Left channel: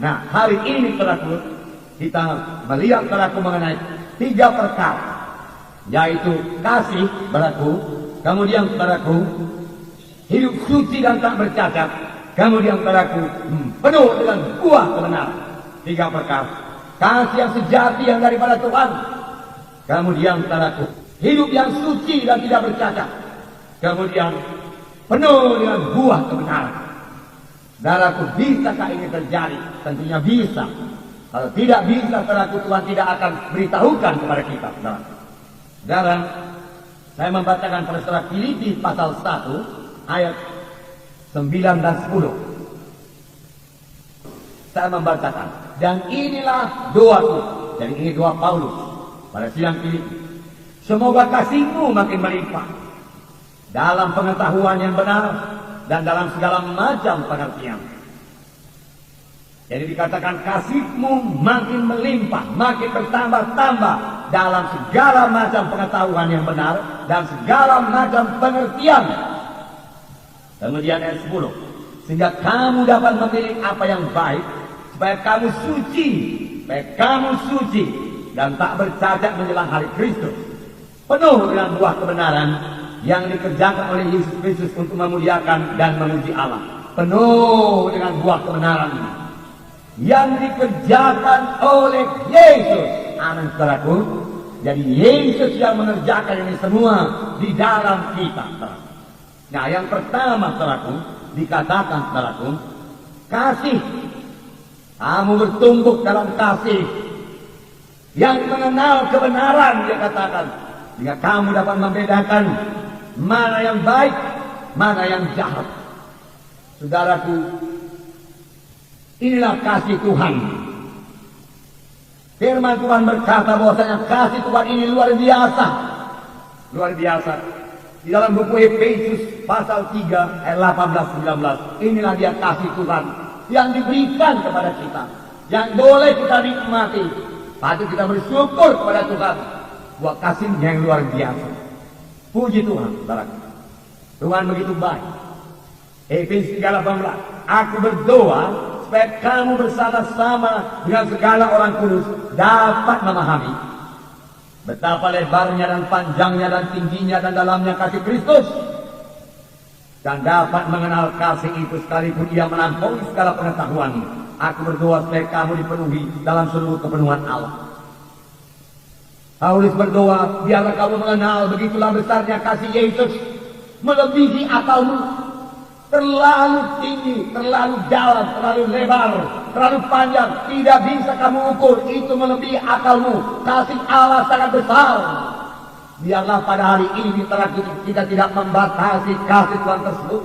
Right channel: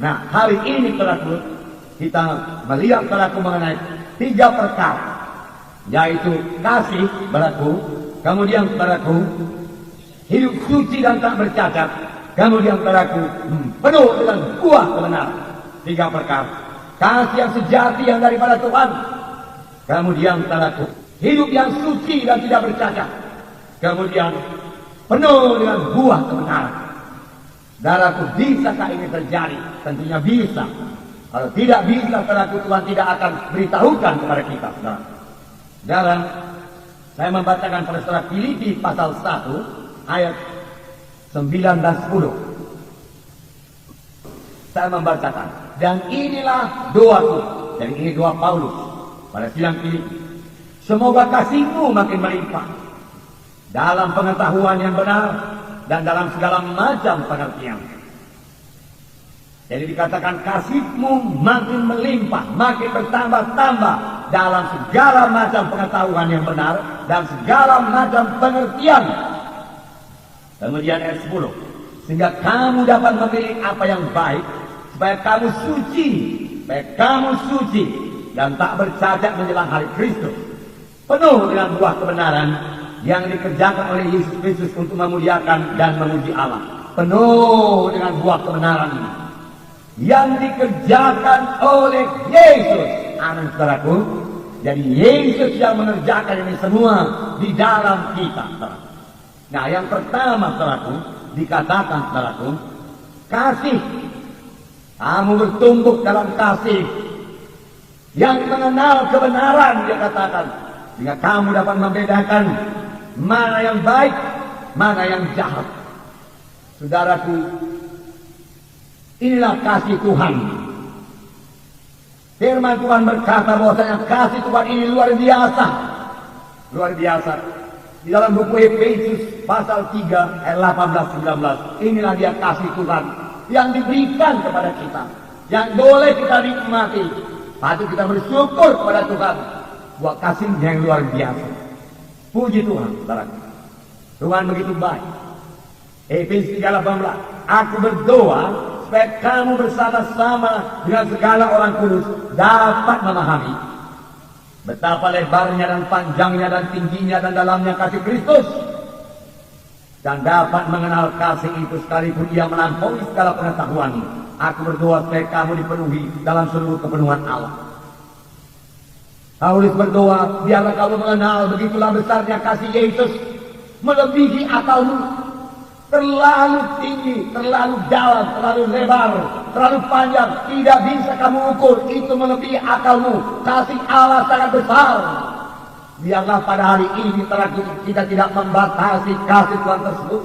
Nah, hari ini saudaraku, kita melihat saudaraku mengenai 3 perkara, yaitu kasih saudaraku, kemudian saudaraku hidup suci dan tak bercacat, kemudian saudaraku penuh dengan buah kebenaran. 3 perkara. Kasih yang sejati yang daripada Tuhan, kemudian saudaraku hidup yang suci dan tidak bercacat, kemudian penuh dengan buah kebenaran. Saudaraku, bisakah ini terjadi? Tentunya bisa. Kalau tidak bisa, saudaraku, Tuhan tidak akan beritahukan kepada kita. Saudara, saya membacakan pada surat Filipi pasal 1 ayat 9 dan 10. Saya membacakan, dan inilah doaku. Jadi ini doa Paulus pada sidang Filipi. Semoga kasihmu makin melimpah dalam pengetahuan yang benar dan dalam segala macam pengertian. Jadi dikatakan kasihmu makin melimpah, makin bertambah-tambah dalam segala macam pengetahuan yang benar dan segala macam pengertian. Kemudian ayat 10, sehingga kamu dapat memilih apa yang baik, supaya kamu suci dan tak bercacat menjelang hari Kristus, penuh dengan buah kebenaran yang dikerjakan oleh Yesus Kristus untuk memuliakan dan memuji Allah. Penuh dengan buah kebenaran yang dikerjakan oleh Yesus. Amin, saudaraku. Jadi Yesus yang mengerjakan ini semua di dalam kita. Nah, yang pertama, saudaraku, dikatakan, saudaraku, kasih. Kamu bertumbuh dalam kasih yang mengenal kebenaran, dia katakan, sehingga kamu dapat membedakan mana yang baik, mana yang jahat. Saudaraku, inilah kasih Tuhan. Firman Tuhan berkata bahwasanya kasih Tuhan ini luar biasa. Luar biasa. Di dalam buku Efesus pasal 3 ayat 18-19. Inilah dia kasih Tuhan yang diberikan kepada kita, yang boleh kita nikmati. Patut kita bersyukur kepada Tuhan buat kasihnya yang luar biasa. Puji Tuhan, saudara. Tuhan begitu baik. Efesus 3:18. Aku berdoa supaya kamu bersama-sama dengan segala orang kudus dapat memahami betapa lebarnya dan panjangnya dan tingginya dan dalamnya kasih Kristus, dan dapat mengenal kasih itu sekalipun ia melampaui segala pengetahuan. Aku berdoa supaya kamu dipenuhi dalam seluruh kepenuhan Allah. Paulus berdoa, biarlah kamu mengenal begitulah besarnya kasih Yesus, melebihi akalmu. Terlalu tinggi, terlalu dalam, terlalu lebar, terlalu panjang, tidak bisa kamu ukur. Itu melebihi akalmu. Kasih Allah sangat besar. Biarlah pada hari ini kita tidak membatasi kasih Tuhan tersebut.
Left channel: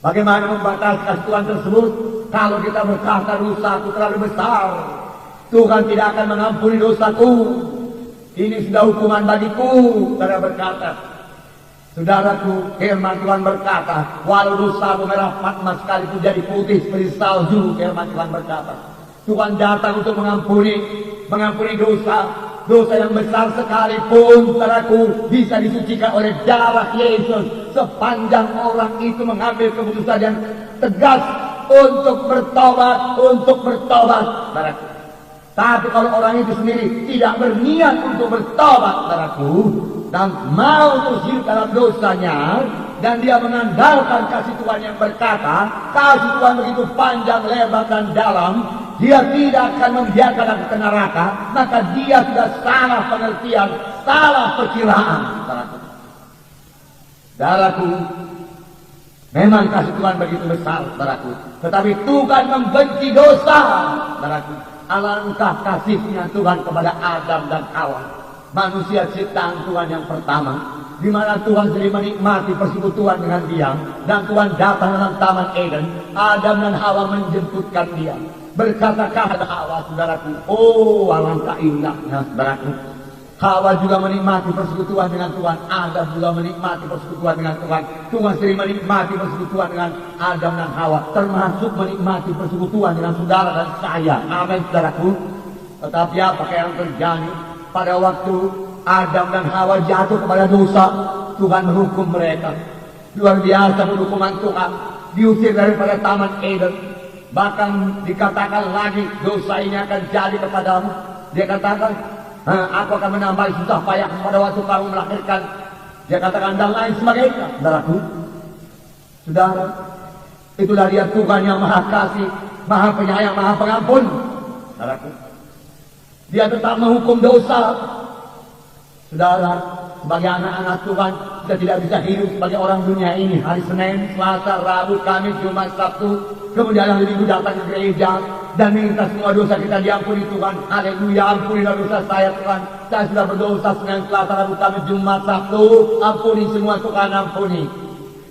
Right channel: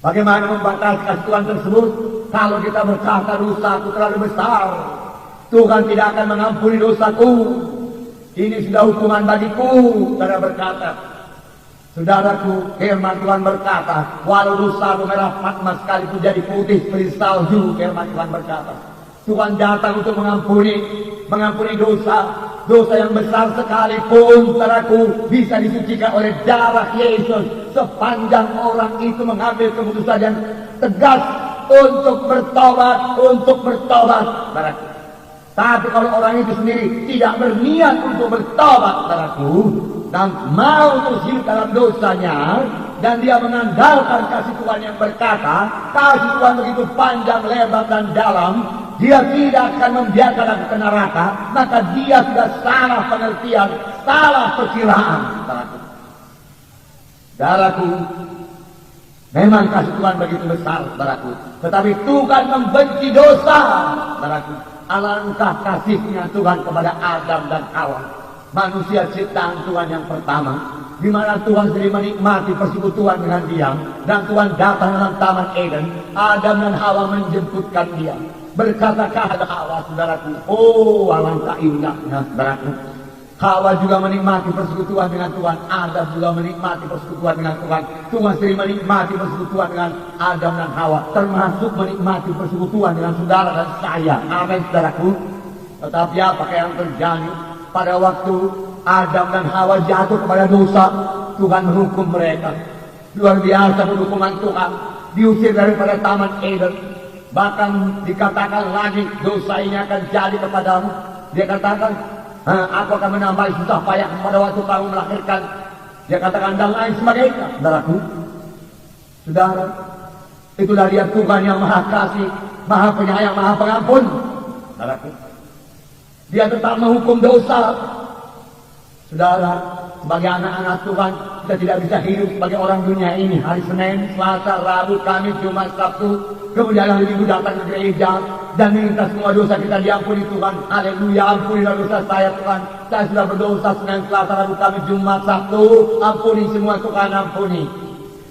Bagaimana membatasi kasih Tuhan tersebut? Kalau kita berkata dosaku terlalu besar, Tuhan tidak akan mengampuni dosaku. Ini sudah hukuman bagiku. Karena berkata, saudaraku, firman Tuhan berkata, walau dosamu merah patmas sekalipun jadi putih seperti salju, firman Tuhan berkata, Tuhan datang untuk mengampuni dosa yang besar sekalipun, saudaraku, bisa disucikan oleh darah Yesus. Sepanjang orang itu mengambil keputusan yang tegas untuk bertobat, saudaraku. Tapi kalau orang itu sendiri tidak berniat untuk bertobat, saudaraku, dan mau terus hidup dalam dosanya, dan dia mengandalkan kasih Tuhan yang berkata, kasih Tuhan begitu panjang, lebar, dan dalam, dia tidak akan membiarkan aku ke neraka, maka dia sudah salah pengertian, salah perkiraan. Saudaraku, memang kasih Tuhan begitu besar, saudaraku, tetapi Tuhan membenci dosa, saudaraku. Alangkah kasihnya Tuhan kepada Adam dan Hawa, manusia ciptaan Tuhan yang pertama, di mana Tuhan sendiri menikmati persekutuan dengan dia, dan Tuhan datang dalam Taman Eden. Adam dan Hawa menjemputkan dia, berkata kepada Hawa, saudaraku, oh alangkah indahnya, saudaraku. Hawa juga menikmati persekutuan dengan Tuhan, Adam juga menikmati persekutuan dengan Tuhan. Tuhan sendiri menikmati persekutuan dengan Adam dan Hawa, termasuk menikmati persekutuan dengan saudara dan saya. Amin, saudaraku. Tetapi apa yang terjadi? Pada waktu Adam dan Hawa jatuh kepada dosa, Tuhan hukum mereka. Luar biasa hukuman Tuhan. Diusir daripada Taman Eden. Bahkan dikatakan lagi dosa ini akan jadi kepadamu. Dia katakan, aku akan menambah susah payah pada waktu kamu melahirkan. Dia katakan dan lain sebagainya. Saudaraku, sudah itulah dia Tuhan yang maha kasih, maha penyayang, maha pengampun. Saudaraku, dia tetap menghukum dosa. Saudara, sebagai anak-anak Tuhan, kita tidak bisa hidup sebagai orang dunia ini. Hari Senin, Selasa, Rabu, Kamis, Jumat, Sabtu, kemudian hari Minggu datang ke gereja dan minta semua dosa kita diampuni Tuhan. Haleluya, ampunilah dosa saya Tuhan. Saya sudah berdosa Senin, Selasa, Rabu, Kamis, Jumat, Sabtu. Ampuni semua Tuhan, ampuni.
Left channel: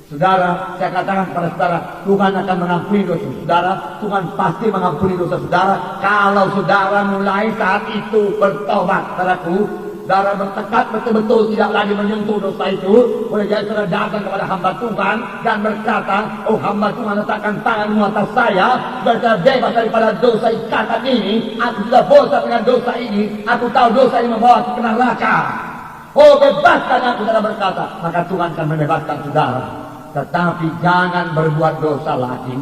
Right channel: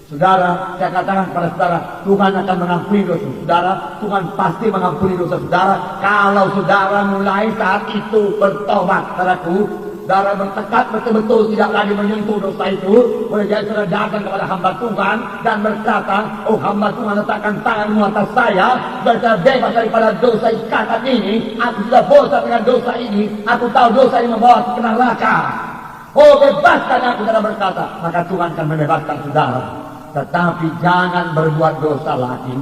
Saudara, saya katakan kepada saudara, Tuhan akan mengampuni dosa saudara. Tuhan pasti mengampuni dosa saudara. Kalau saudara mulai saat itu bertobat, saudaraku, saudara bertekad betul-betul tidak lagi menyentuh dosa itu. Oleh jadi saudara datang kepada hamba Tuhan dan berkata, oh hamba Tuhan letakkan tanganmu atas saya, saya bebas daripada dosa ikatan ini. Aku sudah bosan dengan dosa ini. Aku tahu dosa ini membawa ke neraka. Oh bebaskan aku, saudara berkata. Maka Tuhan akan membebaskan saudara. Tetapi jangan berbuat dosa lagi.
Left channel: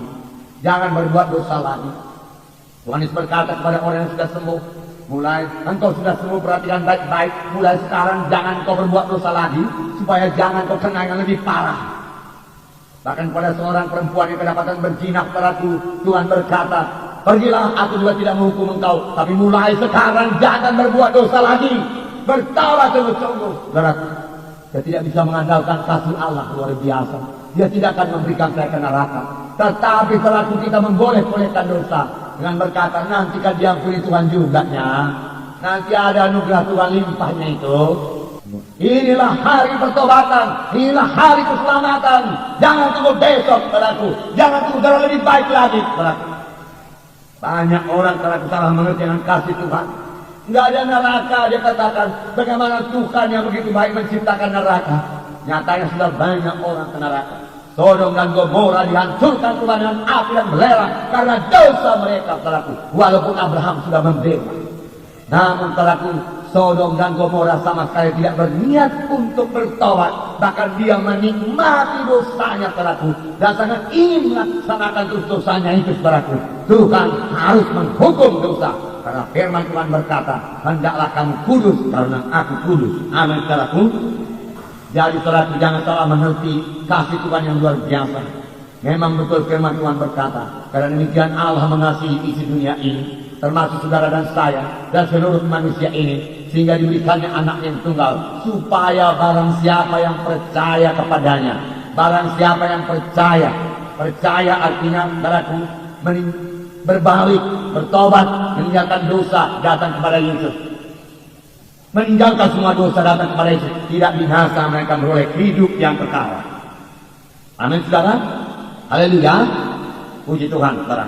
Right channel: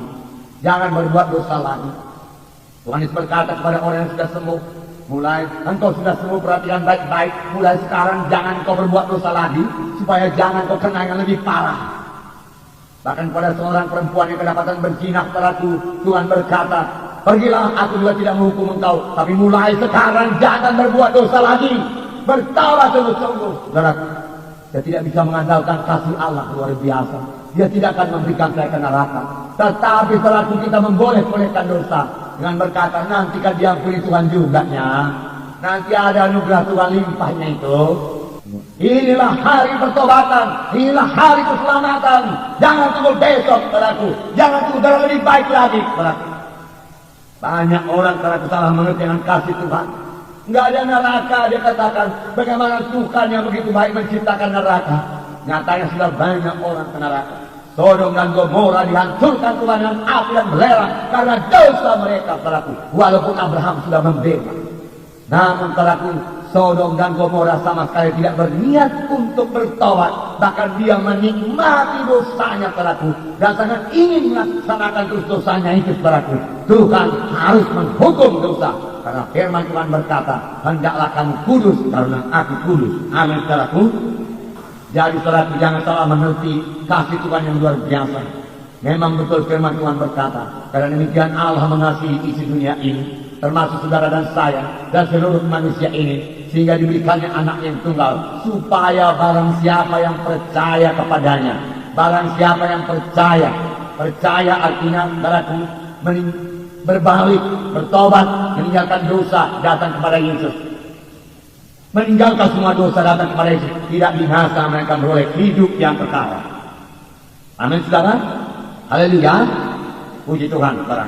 Jangan berbuat dosa lagi. Tuhan Yesus berkata kepada orang yang sudah sembuh, mulai engkau sudah semua perhatikan baik-baik. Mulai sekarang jangan kau berbuat dosa lagi, supaya jangan kau kena yang lebih parah. Bahkan pada seorang perempuan yang kedapatan berzina kepadaku, Tuhan berkata, pergilah, aku juga tidak menghukum engkau, tapi mulai sekarang jangan berbuat dosa lagi. Bertobat sungguh-sungguh. Dia tidak bisa mengandalkan kasih Allah luar biasa. Dia tidak akan memberikan saya ke neraka. Tetapi selaku kita memboleh-bolehkan dosa dengan berkata, nanti kan diampuni Tuhan juga ya. Nanti ada anugerah Tuhan limpahnya itu. Inilah hari pertobatan, inilah hari keselamatan. Jangan tunggu besok, saudaraku. Jangan tunggu lebih baik lagi, saudaraku. Banyak orang kalau salah mengerti dengan kasih Tuhan. Nggak ada neraka, dia katakan. Bagaimana Tuhan yang begitu baik menciptakan neraka? Nyatanya sudah banyak orang ke neraka. Sodom dan Gomora dihancurkan Tuhan dengan api yang belerang karena dosa mereka, saudaraku. Walaupun Abraham sudah membela. Namun saudaraku, Sodom dan Gomora sama sekali tidak berniat untuk bertobat. Bahkan dia menikmati dosanya, saudaraku. Dan sangat ingin melaksanakan dosanya itu, saudaraku. Tuhan harus menghukum dosa. Karena firman Tuhan berkata, hendaklah kamu kudus karena aku kudus. Amin, saudaraku. Jadi saudaraku, jangan salah mengerti kasih Tuhan yang luar biasa. Memang betul firman Tuhan berkata, karena demikian Allah mengasihi isi dunia ini, termasuk saudara dan saya dan seluruh manusia ini, sehingga diberikannya anak yang tunggal, supaya barang siapa yang percaya kepadanya, barang siapa yang percaya artinya saudaraku, berbalik, bertobat, meninggalkan dosa, datang kepada Yesus. Meninggalkan semua dosa, datang kepada Yesus, tidak binasa, mereka beroleh hidup yang kekal. Amin, saudara. Haleluya. Puji Tuhan, saudara.